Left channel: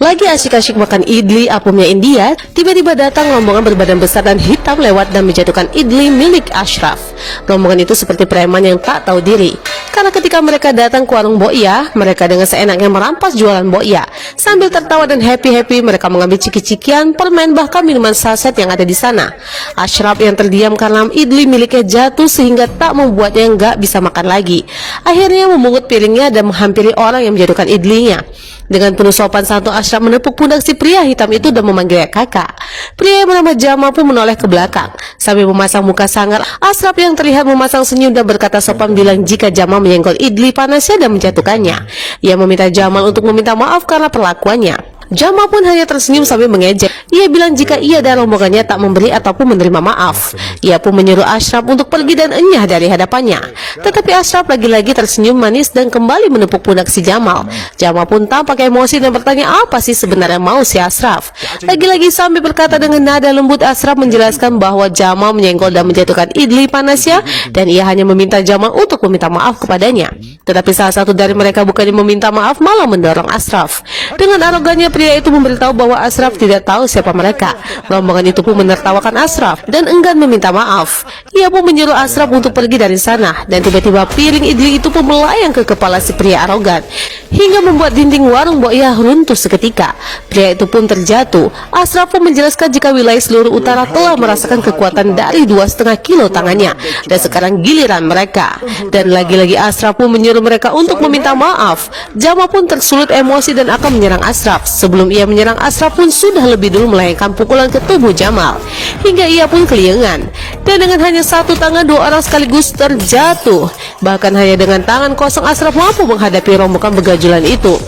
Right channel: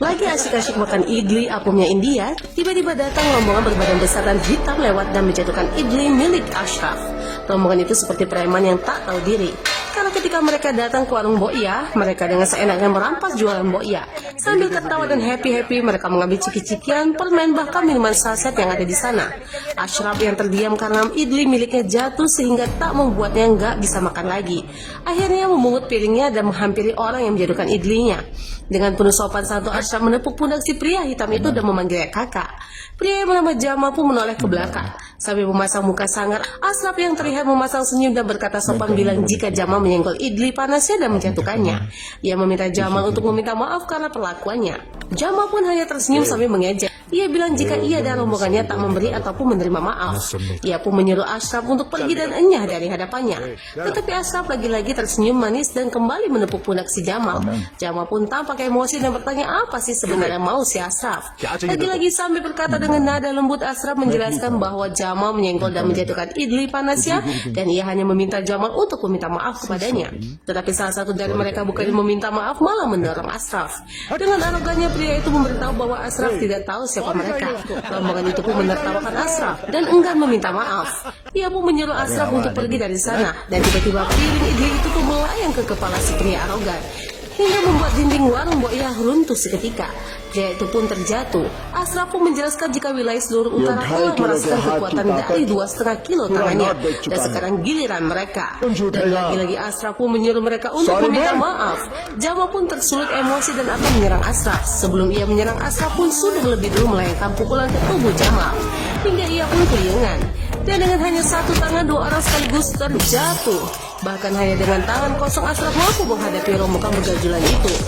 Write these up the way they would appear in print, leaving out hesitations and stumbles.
Lagi asyik-asyik makan idli apumnya India, tiba-tiba datang rombongan berbadan besar dan hitam lewat dan menjatuhkan idli milik Ashraf. Rombongan itu seperti preman yang tak tahu diri. Karena ketika mereka datang ke warung Boya, mereka dengan seenaknya merampas jualan Boya. Sambil tertawa dan happy-happy, mereka mengambil ciki-cikian, permen, bahkan minuman saset yang ada di sana. Ashraf yang terdiam karena idli miliknya jatuh sehingga tak membuatnya nggak bisa makan lagi. Akhirnya memungut piringnya dan menghampiri orang yang menjatuhkan idlinya. Dengan penuh sopan santun, Ashraf menepuk pundak si pria hitam itu dan memanggilnya kakak. Pria yang bernama Jamal pun menoleh ke belakang. Sambil memasang muka sangar, Ashraf yang terlihat memasang senyum dan berkata sopan bilang jika Jamal menyenggol idli panasnya dan menjatuhkannya. Ia meminta Jamal untuk meminta maaf karena perlakuannya. Jamal pun hanya tersenyum sambil mengejek. Ia bilang jika ia dan rombongannya tak memberi ataupun menerima maaf. Ia pun menyuruh Ashraf untuk pergi dan enyah dari hadapannya. Tetapi Ashraf lagi-lagi tersenyum manis dan kembali menepuk pundak si Jamal. Jamal pun tampak emosi dan bertanya apa sih sebenarnya mau si Ashraf. Lagi-lagi sambil berkata dengan nada lembut, Ashraf menjelaskan bahwa Jamal menyenggol dan menjatuhkan idli panasnya dan ia hanya meminta Jamal untuk meminta maaf kepadanya. Tetapi salah satu dari mereka bukannya meminta maaf malah mendorong Ashraf. Dengan arogannya pria itu memberitahu bahwa Ashraf tidak tahu siapa mereka. Rombongan itu pun menertawakan Ashraf dan enggan meminta maaf. Ia pun menyuruh Ashraf untuk pergi dari sana dan tiba-tiba piring idli itu pun melayang ke kepala si pria arogan hingga membuat dinding warung Boya runtuh seketika. Pria itu pun terjatuh. Ashraf pun menjelaskan jika wilayah seluruh utara telah merasakan kekuatan dari 2,5 kilo tangannya dan sekarang giliran mereka. Dan lagi-lagi Ashraf pun menyuruh mereka untuk meminta maaf. Jamal pun tersulut emosi dan akan menyerang Ashraf. Sebelum ia menyerang, Ashraf pun sudah lebih dulu melayangkan pukulan ke tubuh Jamal hingga ia pun keliengan. Dan dengan hanya satu tangan, dua orang sekaligus terjatuh. Bahkan hanya dengan tangan kosong Ashraf mampu menghadapi rombongan begajulan itu.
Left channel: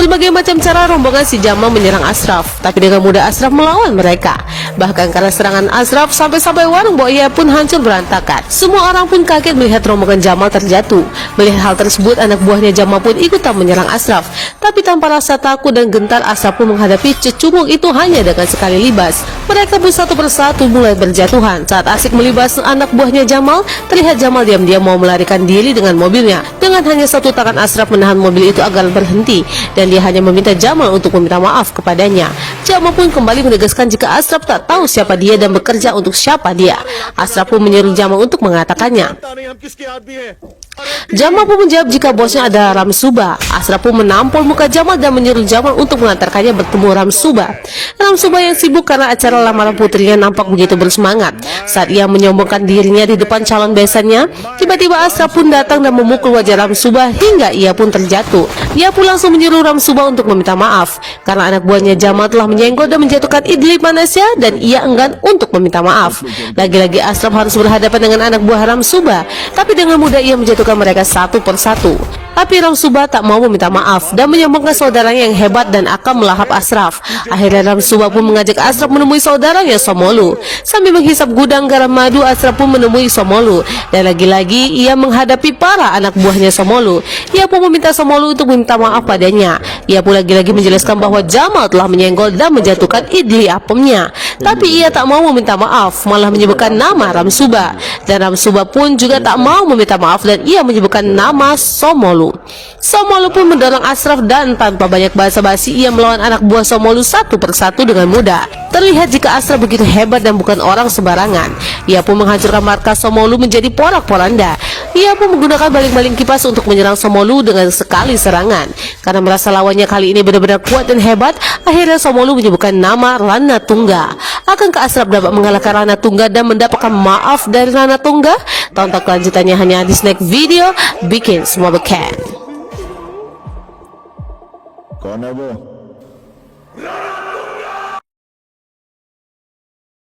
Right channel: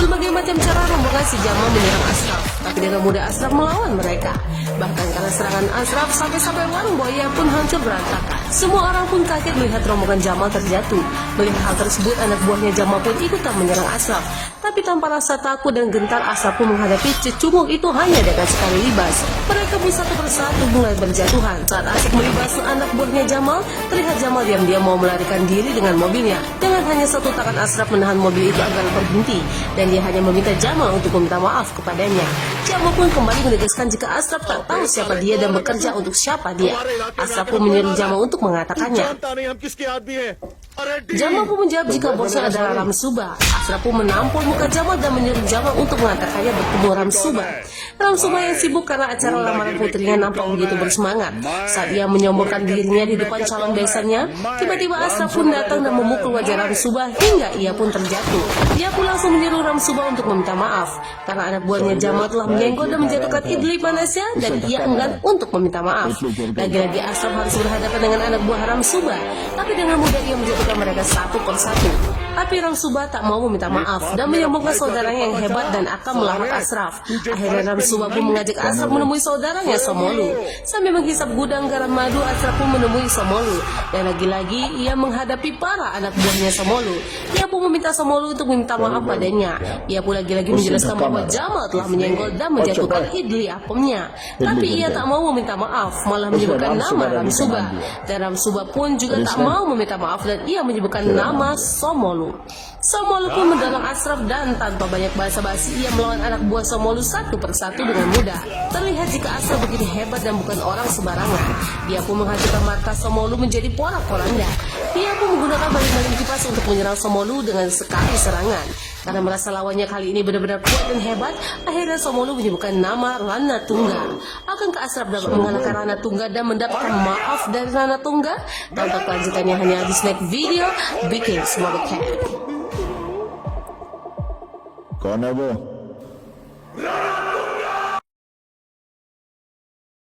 Berbagai macam cara rombongan si Jamal menyerang Ashraf, tapi dengan mudah Ashraf melawan mereka. Bahkan karena serangan Ashraf sampai-sampai warung Boya pun hancur berantakan. Semua orang pun kaget melihat rombongan Jamal terjatuh. Melihat hal tersebut, anak buahnya Jamal pun ikutan menyerang Ashraf. Tapi tanpa rasa takut dan gentar, Ashraf pun menghadapi cecunguk itu hanya dengan sekali libas. Mereka pun satu persatu mulai berjatuhan. Saat asik melibas anak buahnya Jamal, terlihat Jamal diam-diam mau melarikan diri dengan mobilnya. Dengan hanya satu tangan, Ashraf menahan mobil itu agar berhenti. Dan dia hanya meminta Jamal untuk meminta maaf kepadanya. Jamal pun kembali menegaskan jika Ashraf tak tahu siapa dia dan bekerja untuk siapa dia. Ashraf pun menyuruh Jamal untuk mengatakannya. Jamal pun menjawab jika bosnya adalah Ramsuba. Ashraf pun menampol muka Jamal dan menyuruh Jamal untuk mengantarkannya bertemu Ramsuba. Ramsuba yang sibuk karena acara lamaran putrinya nampak begitu bersemangat. Saat ia menyombongkan dirinya di depan calon besannya, tiba-tiba Ashraf pun datang dan memukul wajah Ramsuba hingga ia pun terjatuh. Dia pun langsung menyuruh Ramsuba untuk meminta maaf karena anak buahnya Jamal telah menyenggol dan menjatuhkan idli panasnya dan ia enggan untuk meminta maaf. Lagi-lagi Ashraf harus berhadapan dengan anak buah Ramsuba, tapi dengan mudah ia menjatuhkan mereka satu persatu. Tapi Ramsuba tak mau meminta maaf dan menyombongkan saudaranya yang hebat dan akan melahap Ashraf. Akhirnya Ramsuba pun mengajak Ashraf menemui saudaranya Somolu. Sambil menghisap gudang garam madu, Ashraf pun menemui Somolu. Dan lagi-lagi ia menghadapi para anak buahnya Somolu. Ia pun meminta Somolu untuk meminta maaf padanya. Ia pun lagi-lagi menjelaskan bahwa Jamal telah menyenggol dan menjatuhkan idli apemnya. Tapi ia tak mau meminta maaf, malah menyebutkan nama Ramsuba. Dan Ramsuba pun juga tak mau meminta maaf dan ia menyebutkan nama Somolu. Somolu pun mendorong Ashraf dan tanpa banyak basa-basi ia melawan anak buah Somolu satu persatu dengan mudah. Terlihat jika Ashraf begitu hebat dan bukan orang sembarangan. Ia pun menghancurkan markas Somolu menjadi porak-poranda. Ia pun menggunakan baling-baling kipas untuk menyerang Somolu dengan sekali serangan. Karena merasa lawannya kali ini benar-benar kuat dan hebat, akhirnya Somolu menyebutkan nama Rana Tungga. Akankah Ashraf dapat mengalahkan Rana Tungga dan mendapatkan maaf dari Rana Tungga? Tonton kelanjutannya hanya di next video. Bikin semua beken. कौन है वो?